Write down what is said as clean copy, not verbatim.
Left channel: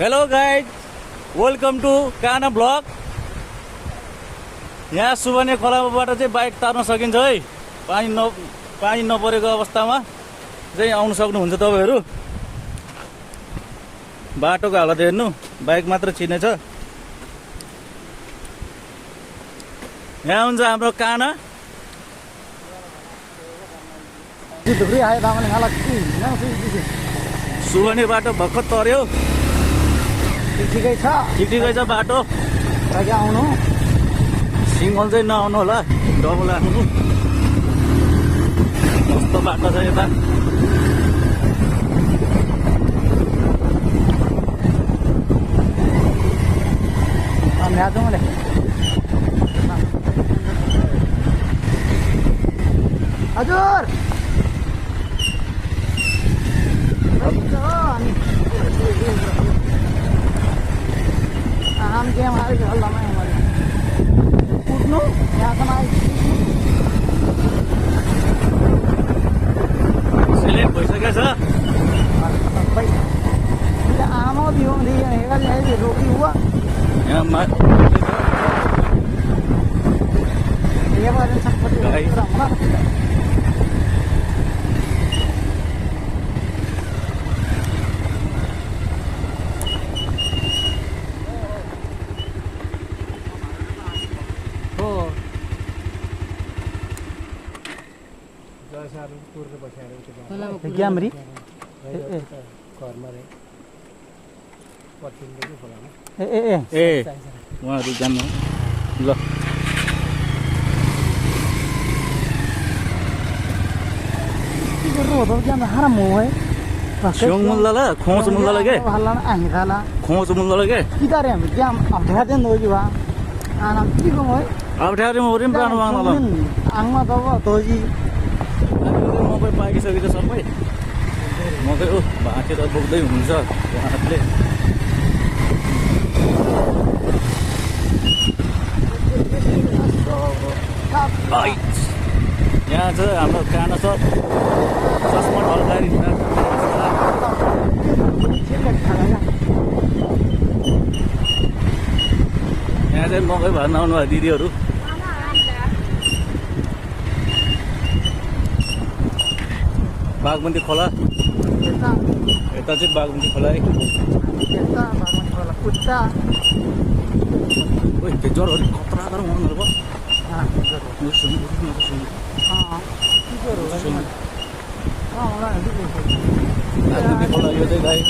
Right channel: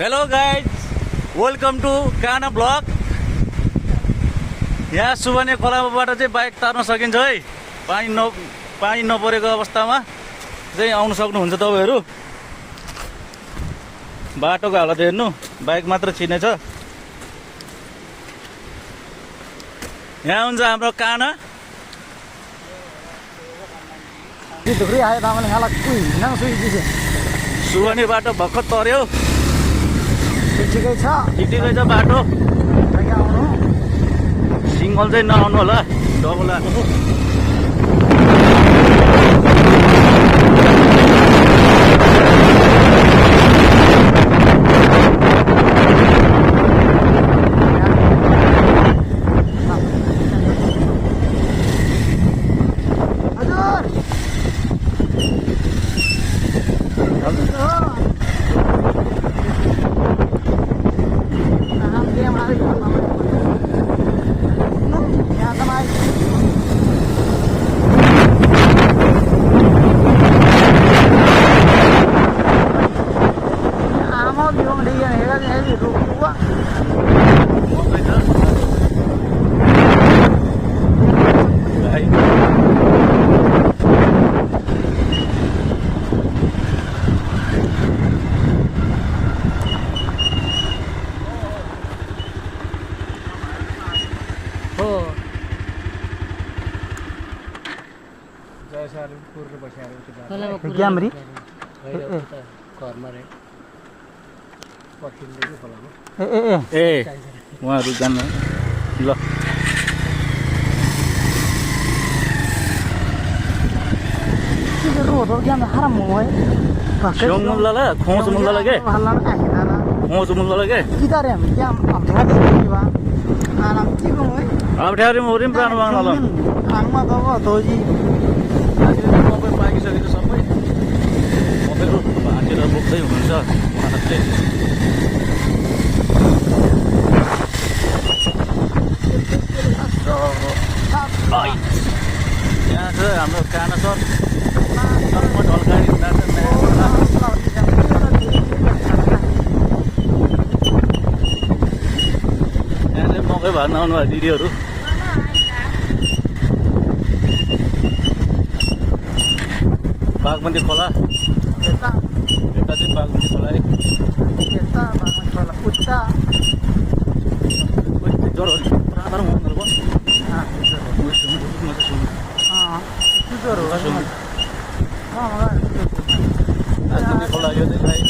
Hello guys, welcome to काना blog. यहाँ सुबने खोलाबाट चाहिँ बाइक तार्न सकिन्छ है। पानी नपरेको अवस्थामा चाहिँ आउन सक्नुहुन्छ तपाईहरू। बाटोको हालत हेर्नु, बाइक मात्र छिनेछ। यहाँ हुन्छ हाम्रो काना। सुबने बाटो भर्खर तर्यो। ठिकै छ बाटो। आउनु सिङ्गल चाहिँ नआउनु होला, डबल आउनु। हजुर आमा बिहो हेरेर रोकी हुआ क्यामरी ए उहाँहरू जानु ल। हाराम हो है सियोङ मुल्ला खोज मुल्ला के खोज मुल्ला के कितारे हामी क्या अभ्यास होइवा अप्ठ्यारो मौरी पनि प्राण माग्न ल। आङमा त तोजी मकै पाकिसकेको सबै मकै भाँचेर बोक्दै हुनुहुन्छ उहाँहरूले। यहाँ चाहिँ हाम्रो काना सर चस्मा ढल्काएर हिँड्दा यहाँ चाहिँ मकै भर्न आउनुभयो दिदीहरू। बागमती खोला यता चाहिँ बागमती खोला है। ज्वरो प्राधार हुनु भयो। बागमती खोला यो चाहिँ गाई